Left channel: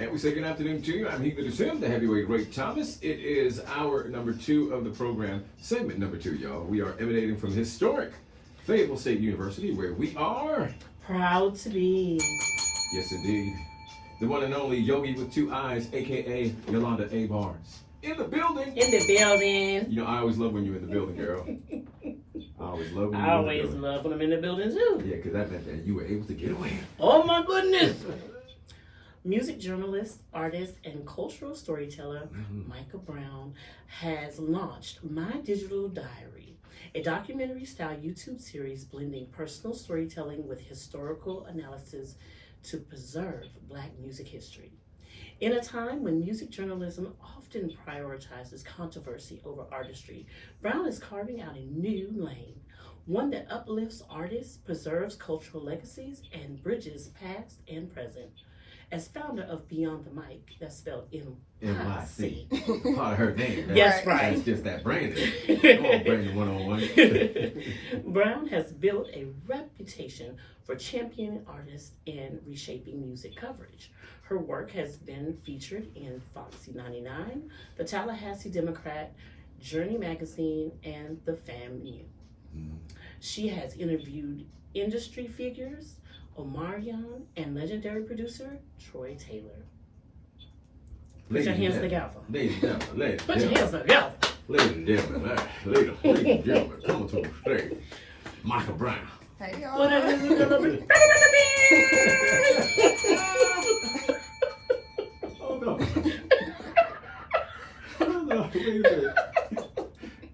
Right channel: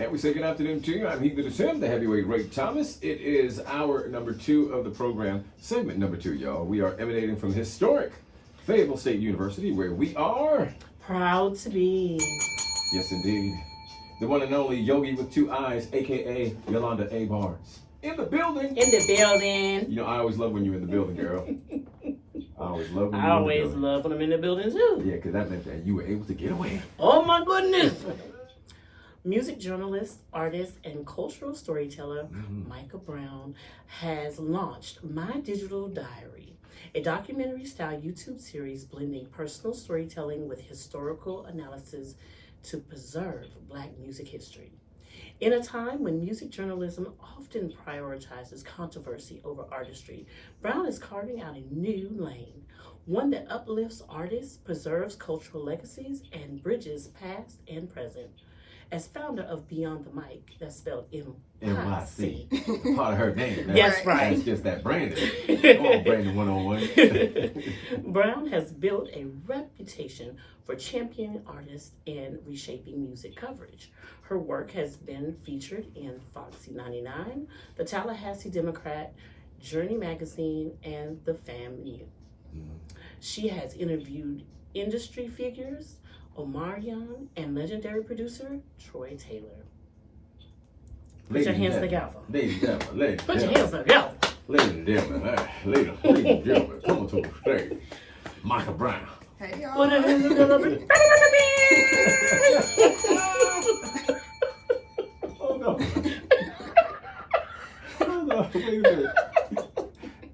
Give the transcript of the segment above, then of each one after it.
And we say good afternoon to you. I'm Yogii and Him, the heavyweight Ray Thomas. It is hour number 2 of the program, segment number 2, y'all. We are emanating from historic Fayetteville State University, where we are proud to be. Yes, indeed. The one and only Yogii with 2 eyes, aka Yolanda A. Barnes. In the building. In the building. You know, I always love when you're in the building, girl. I always love when you're in the building. I always love when I'm in the building, too. Yeah, because that meant that you were able to get away. Oh, my goodness. Music journalist, artist, and cultural storyteller Micah Brown has launched My Digital Diary, a documentary-style YouTube series blending personal storytelling with historical analysis to preserve Black music history. In a time when music journalism often prioritizes controversy over artistry, Brown is carving out a new lane, one that uplifts artists, preserves cultural legacies, and bridges past and present. As founder of Beyond the Mic, that's spelled M-I-C. Part of her name. That's right. That's just that Brandon. Come on, Brandon 101. Brown has built a reputation for championing artists and reshaping music coverage. Her work has been featured in Foxy 99, the Tallahassee Democrat, Journey Magazine, and the FAMU. She has interviewed industry figures, Omarion, and legendary producer Troy Taylor. Put your hands together. Ladies and gentlemen, Put your hands together. Ladies and gentlemen, ladies and gentlemen, come to the stage. Micah Brown. Hey y'all. What are you doing? Hold on. Hold on. Wait a minute.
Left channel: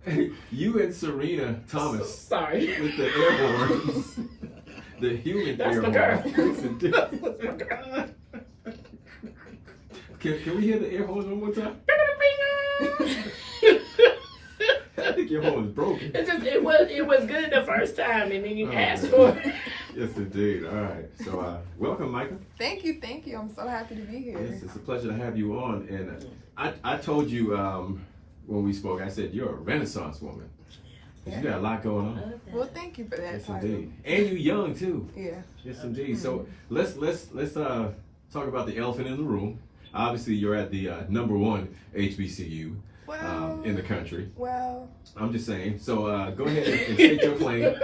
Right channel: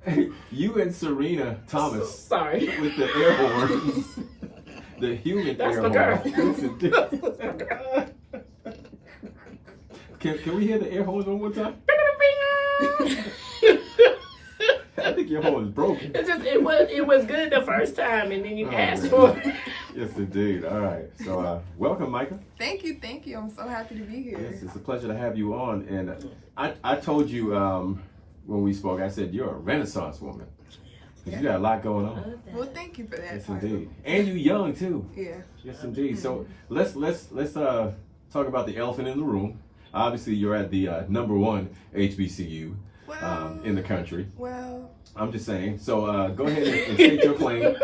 Hey, you and Serena Thomas. Sorry. With the air horns. The human That's air my girl. horns. Can we hear the air horns one more time? I think your horn is broken. It was good the first time, and then you asked for it. Yes, indeed. All right. So, welcome, Micah. Thank you. I'm so happy to be here. Yes, it's a pleasure to have you on. And I told you when we spoke, I said you're a Renaissance woman. You got a lot going on. Well, thank you for that. Yes, title. indeed. And you young too. Yeah. Yes, indeed. So let's talk about the elephant in the room. Obviously, you're at the #1 HBCU in the country. Well, I'm just saying. So go ahead and state your claim.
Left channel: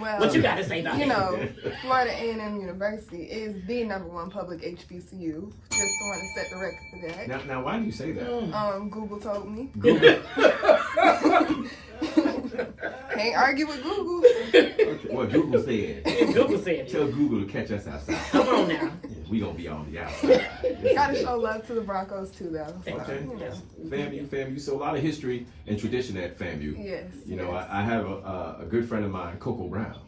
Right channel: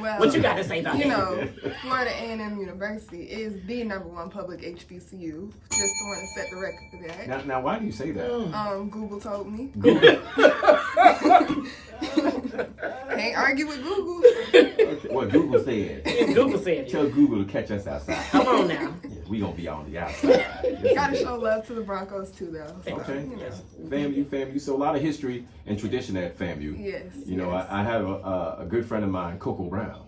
Well, What you got to say about you that? know, Florida A&M University is the #1 public HBCU. Just want to set the record for that. Now, why do you say that? Google told me. Google. Can't argue with Google. Okay, what Google said. Google said it. Tell Google to catch us outside. Come on now. We gonna be on the outside. Gotta show love to the Broncos too, though. So, Okay. you know. FAMU. So a lot of history and tradition at FAMU. Yes. You know, yes. I have a good friend of mine, Coco Brown,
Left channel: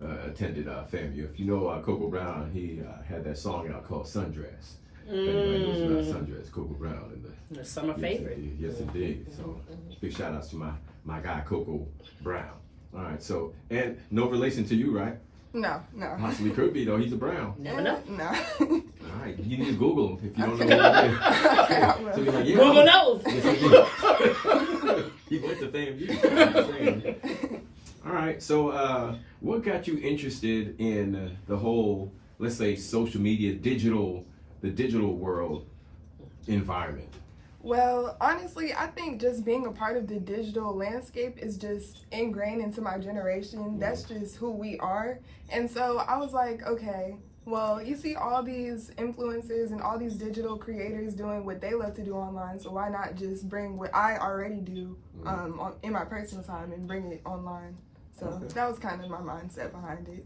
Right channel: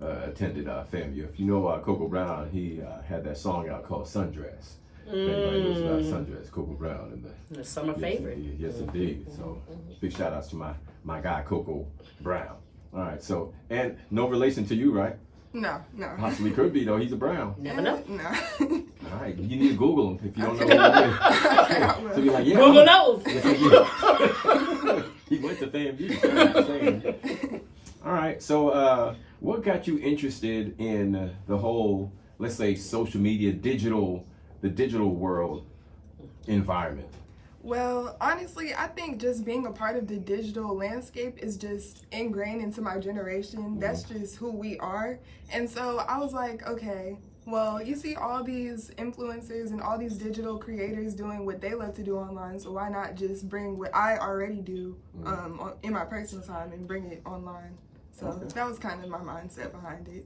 attended FAMU. If you know Coco Brown, he had that song out called Sundress. If anybody knows about Sundress, Coco Brown. And The summer favorite. Indeed. Yes, indeed. So big shout outs to my guy, Coco Brown. All right, so, and no relation to you, right? No. Possibly could be, though. He's a Brown. Never know. No. All right, you need to Google him if you don't know Okay. what it is. Okay, I will. So you're like, yeah, Google knows. Yes, he went to FAMU. All right, so what got you interested in the whole, let's say, social media, the digital world environment? Well, honestly, I think just being a part of the digital landscape is just ingrained into my generation. That's just who we are. And so I was like, okay, well, you see all these influencers and all these digital creators doing what they love to do online, so why not just bring what I already do in my personal time and bring it online? So that was kind of my mindset behind it.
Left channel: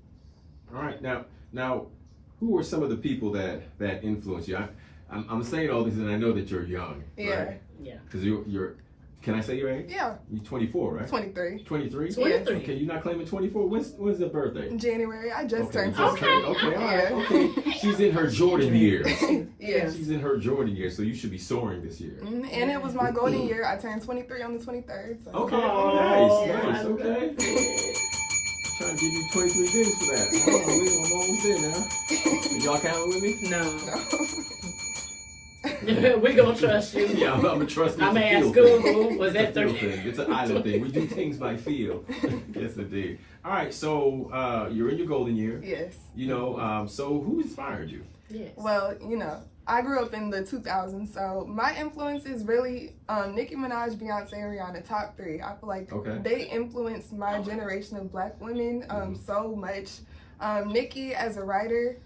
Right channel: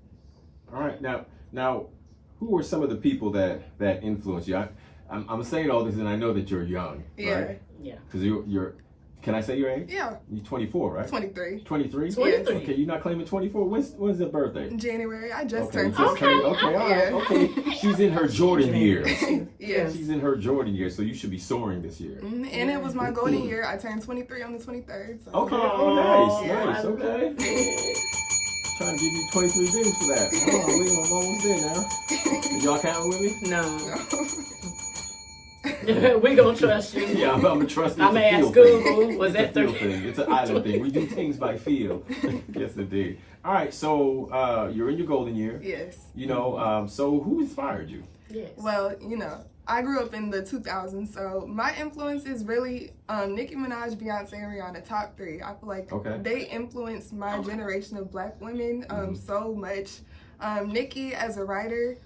All right, now, who were some of the people that influenced you? I'm saying all this, and I know that you're young. Yeah. Right? Yeah. Because you're. Can I say your age? Yeah. You're 24, right? 23. 23? 23. Okay, you're not claiming 24. When's your birthday? In January, I just Okay, turned just 23. okay, all right, Yeah. okay. She's in her Jordan years. Yes. She's in her Jordan years, so you should be soaring this year. And it was my golden year. I turned 23 on the 23rd. So. Okay, Oh, nice, okay. Trying to give you 23 days for that. I'm almost there now. Y'all counting with me? No. We gonna trust you. Yeah, I'm gonna trust I'm it's gonna a ask feel Google. thing. Was It's that a feel 30? thing. It's an island thing. We do things by feel. Yes, indeed. All right, so you're in your golden year. Yes. You know, so who inspired you? Yes. Well, you know, I grew up in the 2000s, so my influence is really Nicki Minaj, Beyonce, and Rihanna, top 3. I feel like they influenced my generation of Black women so much. Nicki as a writer,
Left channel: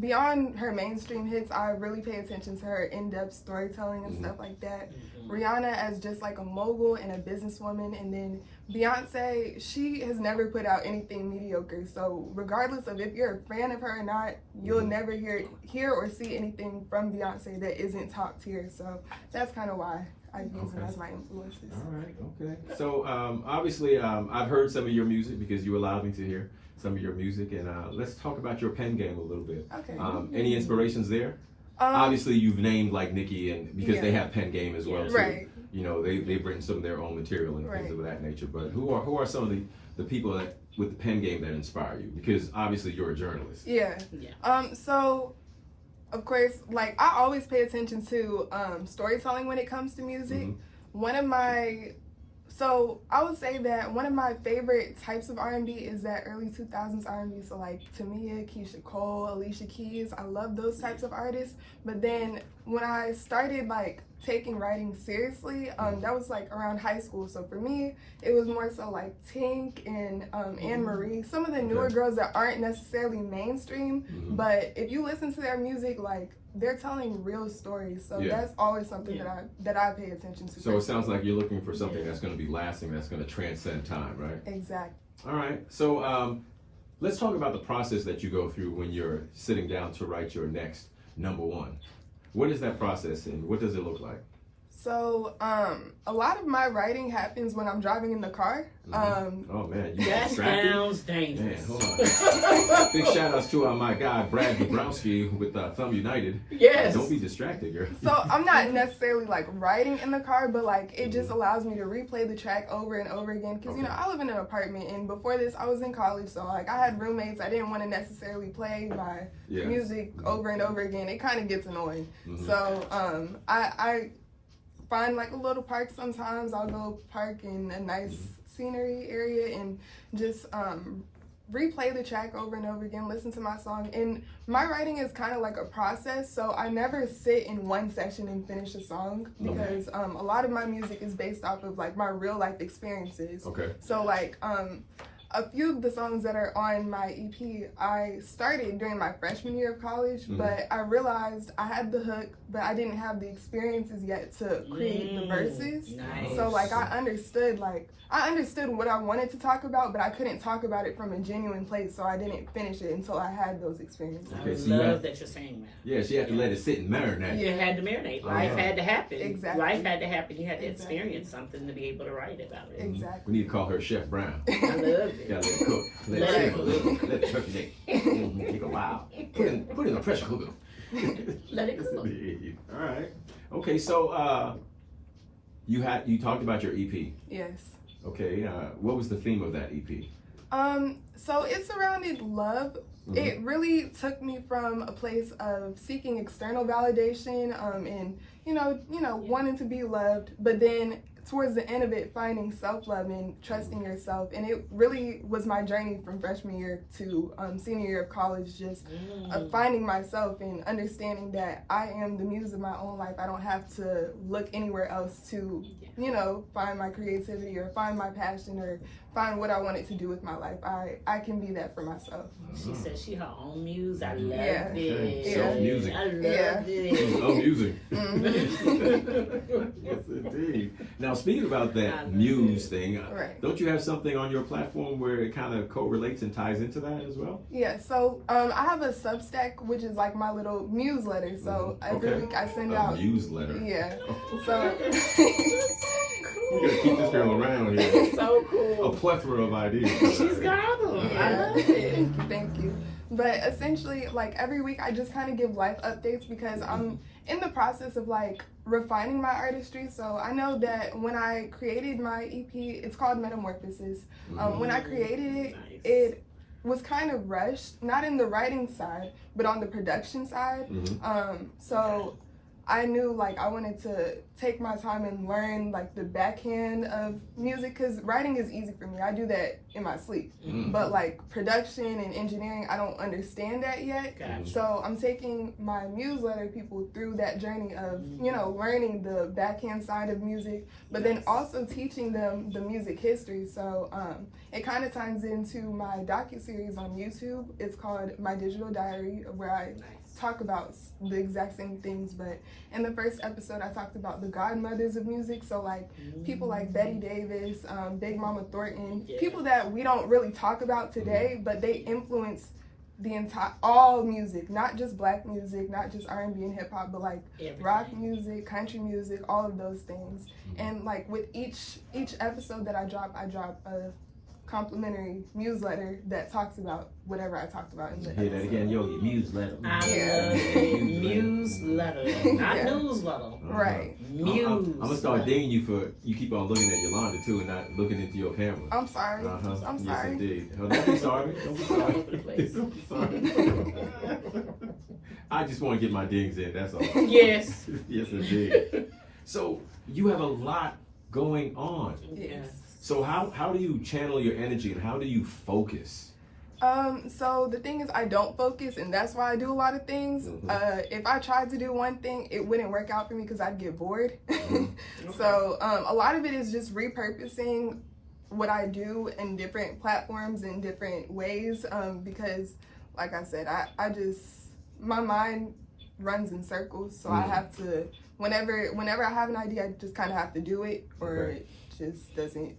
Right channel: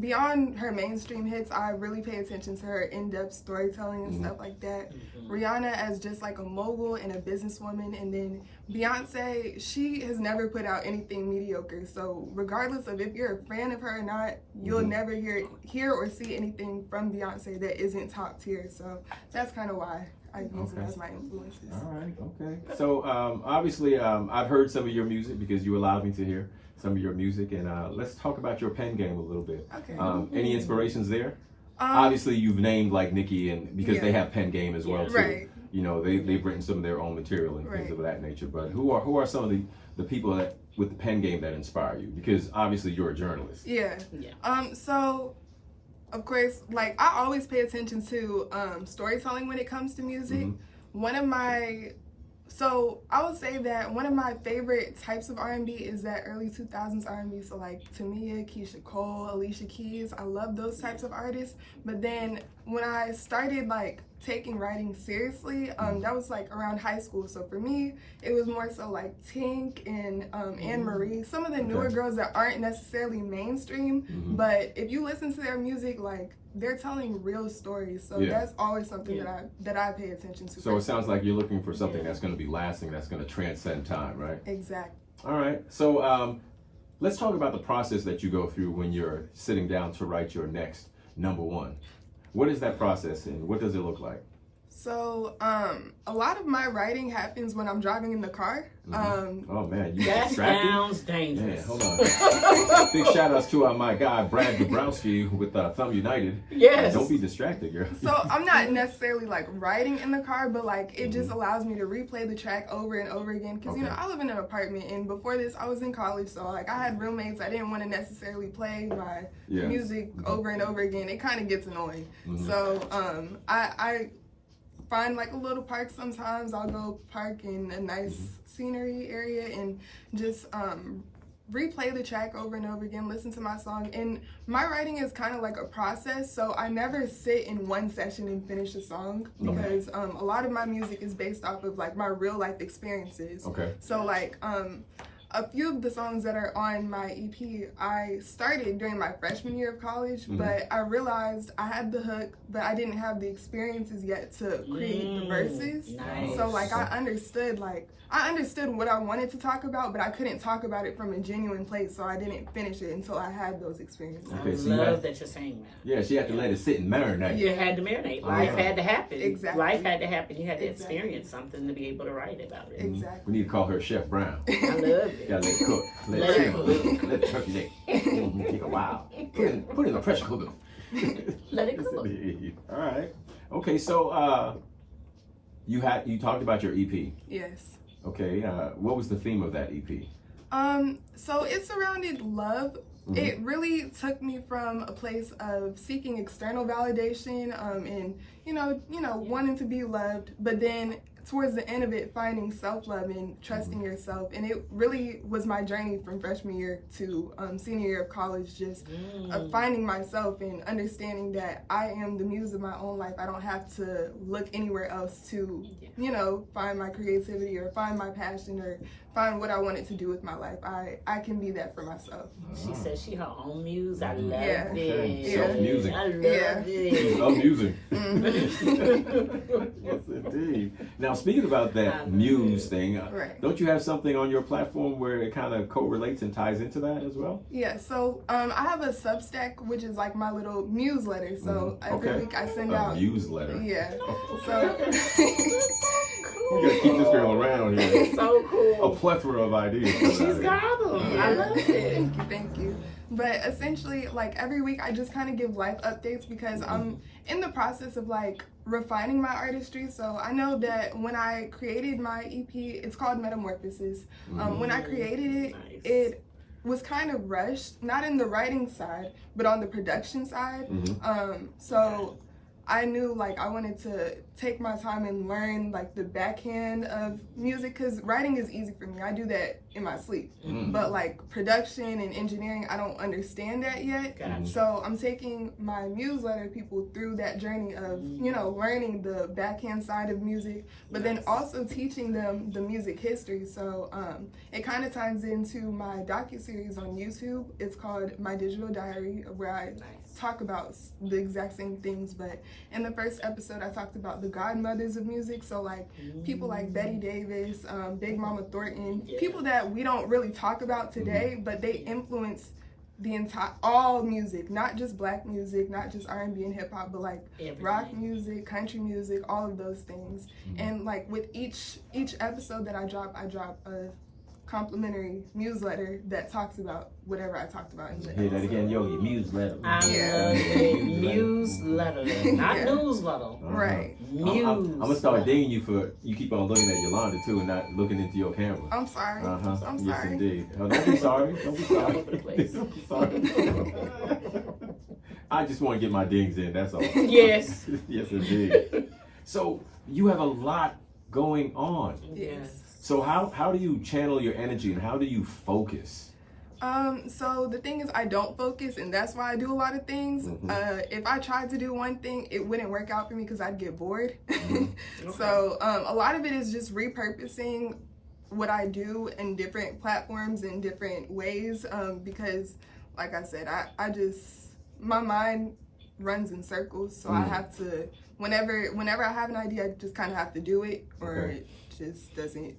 beyond her mainstream hits, I really pay attention to her in-depth storytelling and stuff like that. Rihanna as just like a mogul and a businesswoman, and then Beyonce, she has never put out anything mediocre. So regardless of if you're a fan of her or not, you'll never hear or see anything from Beyonce that isn't top tier. So that's kind of why I use them as my influences. All right, okay. So obviously I've heard some of your music because you allowed me to hear some of your music, and let's talk about your pen game a little bit. Okay. Any inspirations there? Obviously you've named like Nicki, and because they have pen game as well too. Right. You know, they've written some of their own material and things of that nature. But who are some of the people that with the pen game that inspire you? Because obviously you're a journalist. Yeah. So of course, like I always pay attention to storytelling when it comes to music. So I would say that one of my favorite types of R&B is that early 2000s R&B. So like Tamia, Keisha Cole, Alicia Keys. I love those types of artists. But then when I started like taking writing seriously, that was like around high school. So for me, it was more so like Tink and Anne Marie, some of the newer girls that aren't necessarily mainstream. But if you listen to their music, like they're telling real stories. So that's always something that I pay attention to. So it sounds like you're looking for something that's going to be lasting, that's going to transcend time, right? Exactly. All right. So let's talk about the process that you go through when you're sitting down to write your next number one. What is that process and what does it look like? So, a lot of my writing happens when I'm driving in the car. Oh man, you that distracted? sounds dangerous. Man, hold on. Big shout outs to my guy Brad Bobrowski with Thumb United. Yes. Don't be distracted, girl. So I'm not necessarily like writing in the car, but like it just allows me to replay the track over and over again. Because you know I live in an apartment, and before this I was in college, so like I had roommates. I didn't want to necessarily play my music over and over again. It kind of gets annoying. So I find like a little park sometimes. I'll go park in a nice scenery area and just replay the track over and over again, listen to my song. And my writing is kind of like a process, so I never sit in one session and finish a song because a lot of my music is based off of like my real life experiences. So like a few of the songs that are on my EP, I started during my freshman year of college, but I realized I had the hook, but I didn't have the experiences yet to create the verses. So like I understood what I wanted to talk about, but I couldn't talk about it from a genuine place, so I didn't finish it until I had those experiences. I love that you're saying that. Yeah, she had to let it sit and marinate. You had to marinate. Life had to happen. Exactly. Life had to happen. You had to experience something to be able to write about it. Exactly. We need to call her Chef Brown. I love it. Gotta let it cook. Let it cook. Let it turkey take a while. Put it in the pressure cooker. Let it cook. All right. Okay, so you talked about your EP. Yes. Okay. What was the theme of that EP? So it surrounded love. It really took me from a place of seeking external validation, and you know, wanting to be loved, but then towards the end of it, finding self-love and trusting yourself. And it really was my journey from freshman year to senior year of college, just finding myself and understanding that I am the muse of my own life. I don't have to look anywhere else to, you know, find my creativity or find my passion or find what I wanted to do with my life. I can be that for myself. She said she her own muse. I love it. Self-music. I love it. Self-music. Yes, indeed. Now, speaking about that muse thing, don't you have something on your platform where it kind of correlates and ties into that as well? Yeah, so I have a Substack, which is like my little newsletter. So every week I send out a newsletter. Yeah. So you gotta keep this girl around here. It's so cool. A plethora of ideas. She's got them. I love it. Thank you. But essentially, like every week, I just kind of give life updates because I'm in the process of like refining my artistry. So I know that when I created my EP, it's called Metamorphosis. When I created it, it was kind of rushed, not in the writing side, but on the production side. So I knew like I wanted to take my time and learn like the backhand of music, because writing is easy for me. I do that in my sleep. But like production and engineering, I don't understand that yet. So I'm taking my newsletter people through that journey of, you know, learning the backhand side of music, but then also teaching them the music history. So it kind of ties into my docuseries on YouTube. It's called My Digital Diary, where I talk about the exact same things, but in the first episode I talked about the godmothers of music, so like people like Betty Davis, Big Mama Thornton, people that we don't really talk about today, but they influence the entire all music, not just black music, not just R&B and hip hop, but like rock music, country music, all of those things. And like with each episode that I drop a complimentary newsletter that talks about whatever I talked about in the episode. Hear that again, Yogii, newsletter. Newsletter, not newsletter. Right. I'm gonna start dinging you for you keep on looking at Yolanda too and not looking into your camera. I'm sorry. I'm sorry. Yes, indeed. Oh, don't be sorry. Don't be sorry. Don't be sorry. I just want to get my dings in. That's all. Yes. Yes, indeed. So you have a lot going on. Yes. So how do you channel your energy and how do you focus? So the thing is, I don't focus, and that's why I do a lot of things. If I tried to do one thing, it wouldn't work out for me because I'd get bored. So a lot of it is just repurposing what I do in different platforms in different ways, because like I said, I just, my mind runs in circles, so I have to, whenever I have an idea, I just kind of have to do it, or it just doesn't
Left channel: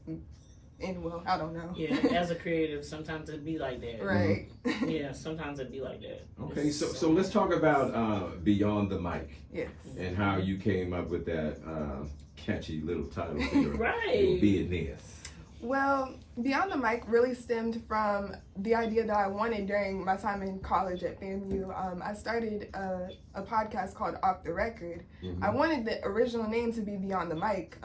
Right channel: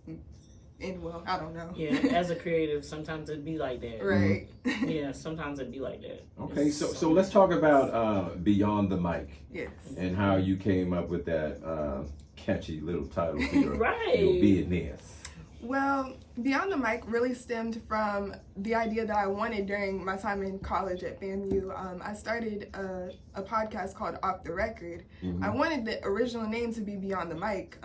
end well. I don't know. Yeah, as a creative, sometimes it'd be like that. Right. Yeah, sometimes it'd be like that. Okay, so let's talk about Beyond the Mic. Yes. And how you came up with that catchy little title for your, your business. Well, Beyond the Mic really stemmed from the idea that I wanted during my time in college at FAMU. I started a podcast called Off the Record. I wanted the original name to be Beyond the Mic,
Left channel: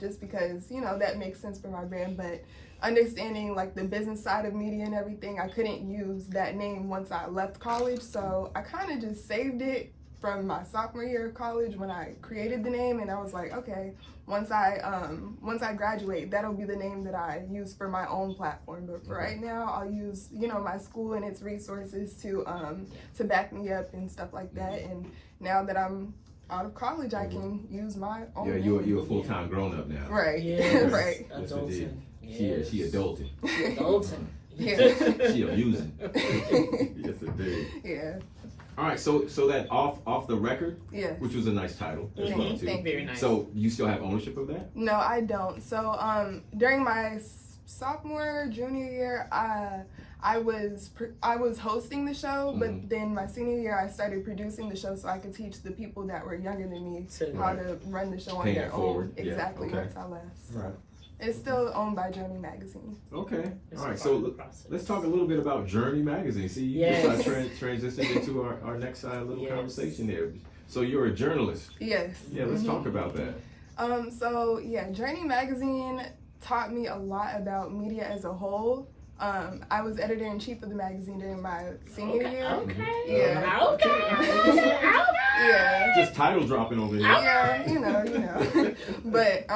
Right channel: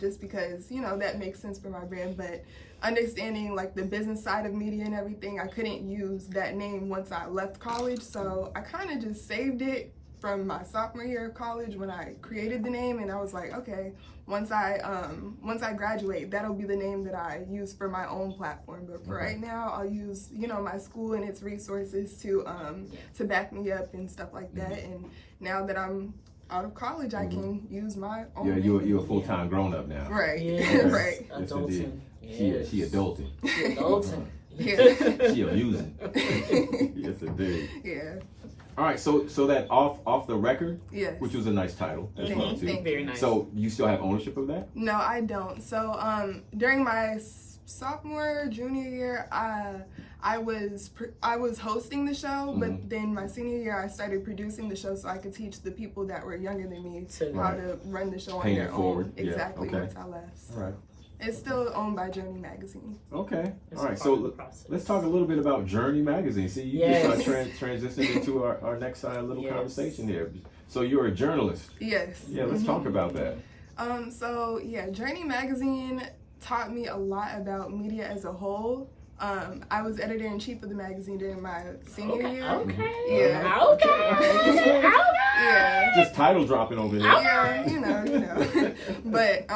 just because, you know, that makes sense for my brand, but understanding like the business side of media and everything, I couldn't use that name once I left college, so I kind of just saved it from my sophomore year of college when I created the name, and I was like, okay, once I graduate, that'll be the name that I use for my own platform. But for right now, I'll use, you know, my school and its resources to back me up and stuff like that. And now that I'm out of college, I can use my own name. You're a full-time grown-up now. Right. Yes. Right. Yes, indeed. Yes. She adulting. Adulting. Yeah. She amusing. Yes, indeed. Yeah. All right, so that off the record, Yes. which was a nice title as well too. Very nice. So you still have ownership of that? No, I don't. So during my sophomore, junior year, I was hosting the show, but then my senior year I started producing the show so I could teach the people that were younger than me how to run the show on their own. Exactly. Once I left. All right. It's still owned by Journey Magazine. Okay. All right. So let's talk a little bit about Journey Magazine. See, you just transitioned into our next little conversation there. So you're a journalist. Yes. Yeah. Let's talk about that. So yeah, Journey Magazine taught me a lot about media as a whole. I was editor-in-chief of the magazine during my senior year. Okay. Yeah. Okay. Yeah. Just title dropping over here. Yeah, you know. But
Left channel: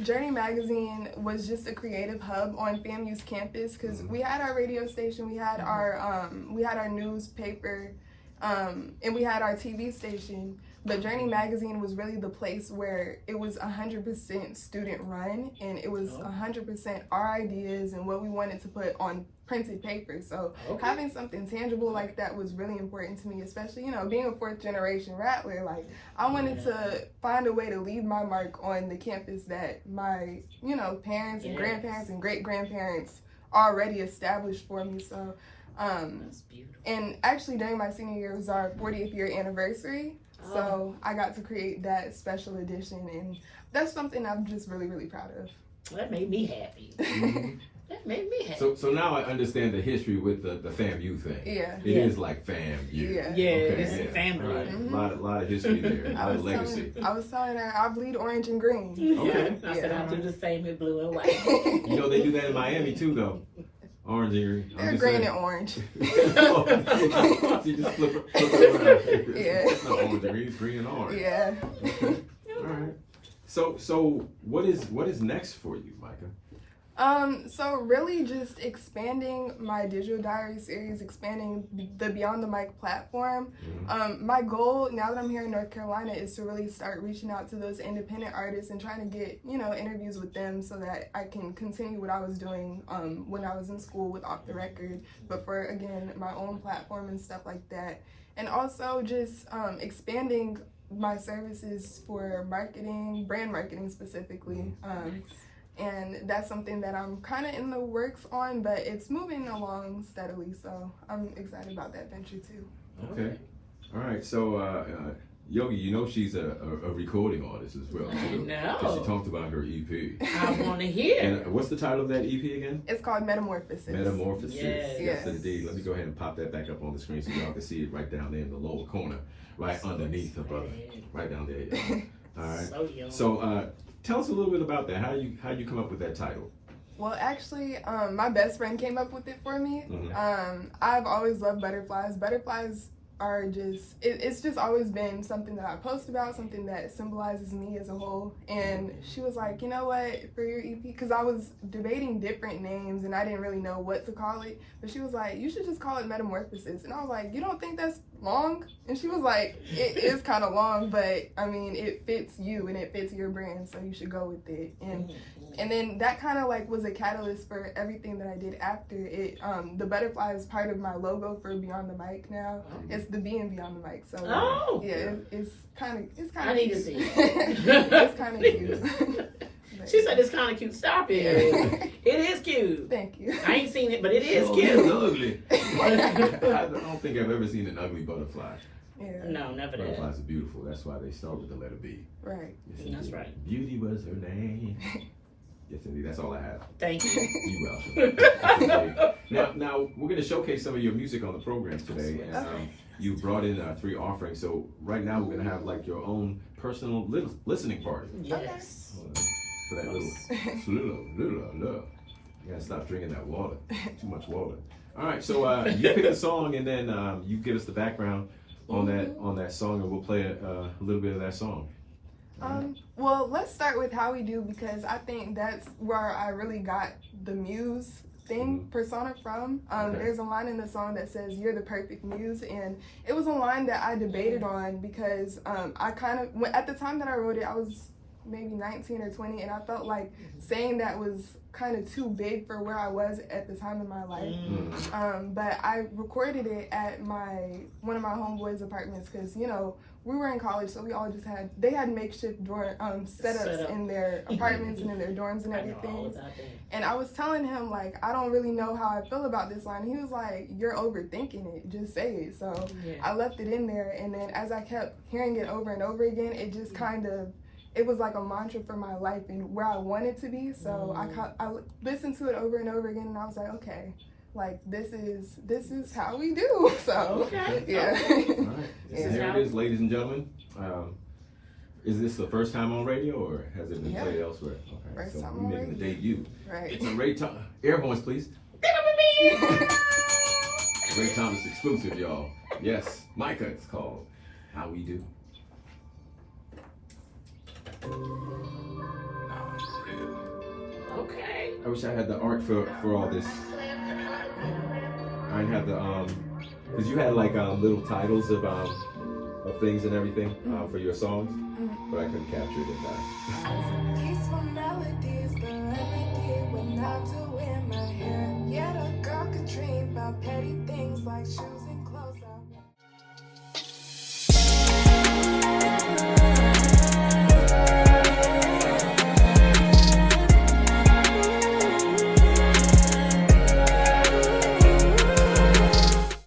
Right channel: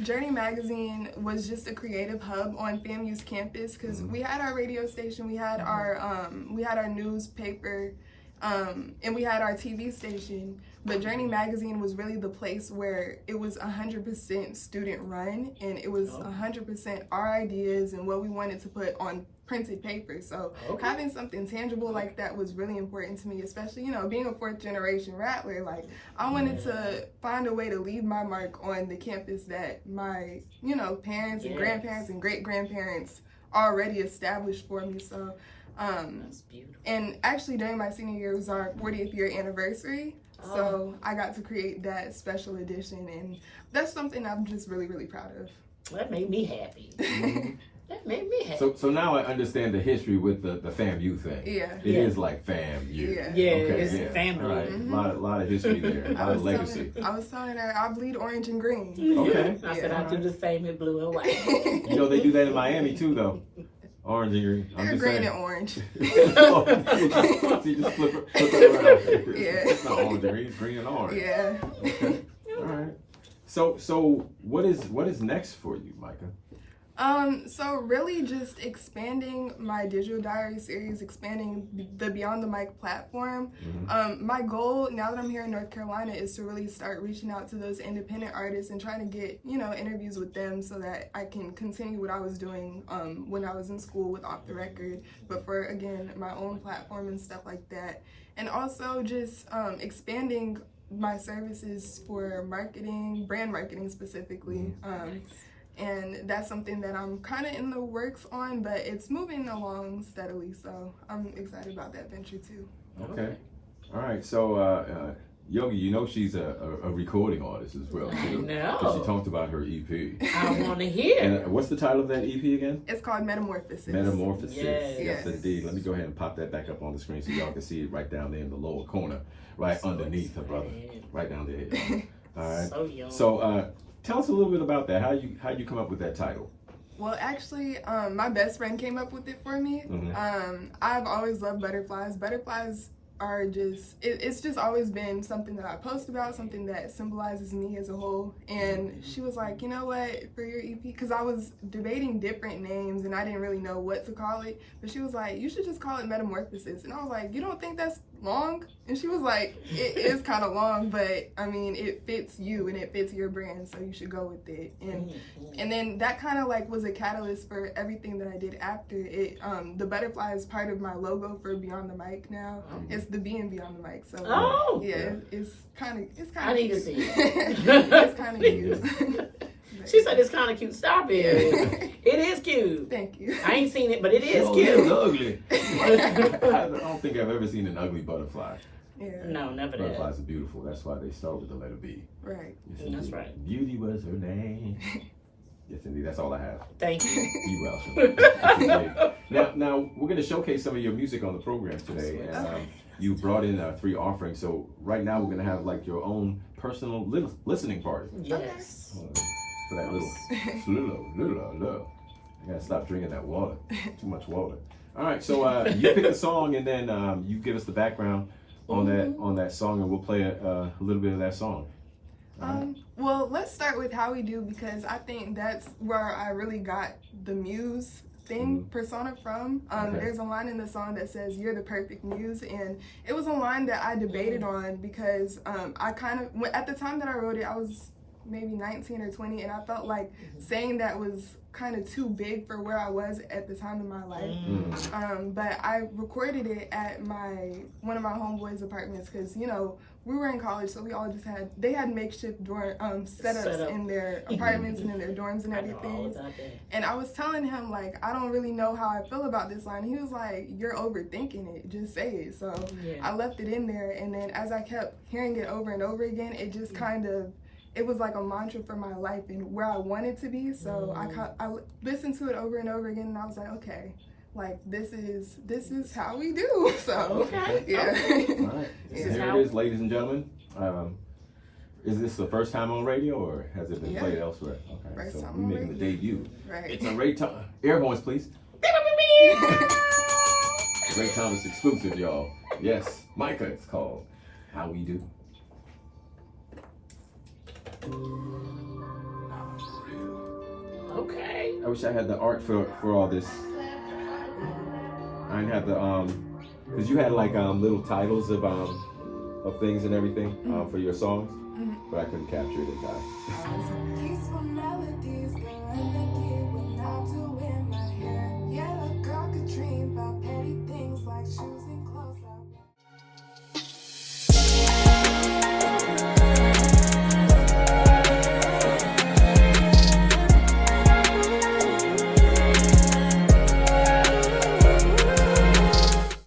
Journey Magazine was just a creative hub on FAMU's campus, because we had our radio station, we had our newspaper, and we had our TV station. But Journey Magazine was really the place where it was 100% student run, and it was 100% our ideas and what we wanted to put on printed paper. So having something tangible like that was really important to me, especially, you know, being a fourth generation Rattler. Like, I wanted to find a way to leave my mark on the campus that my, you know, parents and grandparents and great grandparents already established for me. So and actually during my senior year, it was our 40th year anniversary. So I got to create that special edition, and that's something I'm just really, really proud of. That made me happy. That made me happy. So now I understand the history with the FAMU thing. Yeah. It is like FAMU. Yeah. Yeah, Okay, it's family. Right. A lot of history there. A lot of legacy. I was telling her I bleed orange and green. Okay. I said I do the same in blue and white. You know they do that in Miami too, though. Orange and green. They're green and orange. You just flip it around. Yeah. It's not orange and green, it's green and orange. Yeah. Okay. All right. So what is next for you, Micah? So really just expanding my digital diary series, expanding the Beyond the Mic platform. My goal now that I'm here in North Carolina is to really start reaching out to those independent artists and trying to get, interviews with them so that I can continue what I was doing when I was in school with Off the Record, but for, again, my own platform and stuff like that. And also just expanding my services for marketing, brand marketing specifically. And that's something that I'm kind of in the works on, but it's moving along steadily, so I'm excited about that venture too. Okay. All right. So, Yogii, she's a recording artist as well. Too. No. Because she talked about her EP. I want to hear. And what's the title of that EP again? It's called Metamorphosis. Metamorphosis. Yes. Yes, indeed. Let me go ahead and pop that back up on the screen so y'all can see it right down there in the lower corner, right underneath her brother, right down there. Y'all. All right. So young. So, tell us a little bit about that. How you come up with that title? Well, actually, my best friend came up with it for me. I've always loved butterflies. Butterflies are just, it's just always been something that I post about, something that symbolizes me as a whole. And she was like, you know what, for your EP, because I was debating different names and I didn't really know what to call it, but she was like, you should just call it Metamorphosis. And I was like, you don't think that's long? And she was like, it is kind of long, but I mean, it fits you and it fits your brand, so you should go with it. And then that kind of like was a catalyst for everything that I did after it. The butterfly is part of my logo for Beyond the Mic now. It's the B in Beyond the Mic. So yeah, it's kind of I need to cute. see it. It's kind of cute. She said it's kind of cute. Stop it. It is cute. Thank you. I ain't seen it, but it is Oh, cute. it's ugly. I don't think I've ever seen an ugly butterfly. Yeah. No, never did. Butterflies are beautiful. That's why they start with the letter B. Right. Yes, That's indeed. right. Beauty was her name. Yes, indeed. That's all I have. Thank you. You welcome. Now we're going to showcase some of your music on the program today. And, Okay. you brought in 3 offerings. So right now we're going to have like your own personal listening party. Yes. For that little. You gotta stop drinking that water. Too much water. All right, so you pick a song and then you give us the background on that song, and we'll play a little bit of that song. Well, let's start with How We Do, because I think that's where I really got the muse thing persona from. There's a line in the song that says, "You're the perfect muse," and it was a line that I debated on because I kind of, at the time that I wrote it, I was maybe 19 or 20, and I felt like saying that was kind of too big for where I was at the time in my life. But I recorded it at one of my homeboys' apartments because, we were in college, so we all just they had makeshift setups in their apartments and in their dorms and everything. And I was telling him, like, I don't really know how I feel about this line. And he was like, you're overthinking it, just say it. So I left it in there, and then as I kept hearing it over and over again, it just kind of, it was like a mantra for my life and where I wanted to be. So I listened to it over and over again, and I was like, okay, like this is how we do. So yeah. All right. So here it is, ladies and gentlemen. Is this the first time on radio, or has it been played elsewhere? Okay, first so time we're on making the radio. debut. Right. It's a Ray Thomas. Air horns, please. Ray Thomas exclusive, y'all. Yes, Micah. It's called How We Do. Okay. I wish I had the art for all this. I didn't have the because you had like little titles of things and everything for your songs, but I couldn't capture it in time.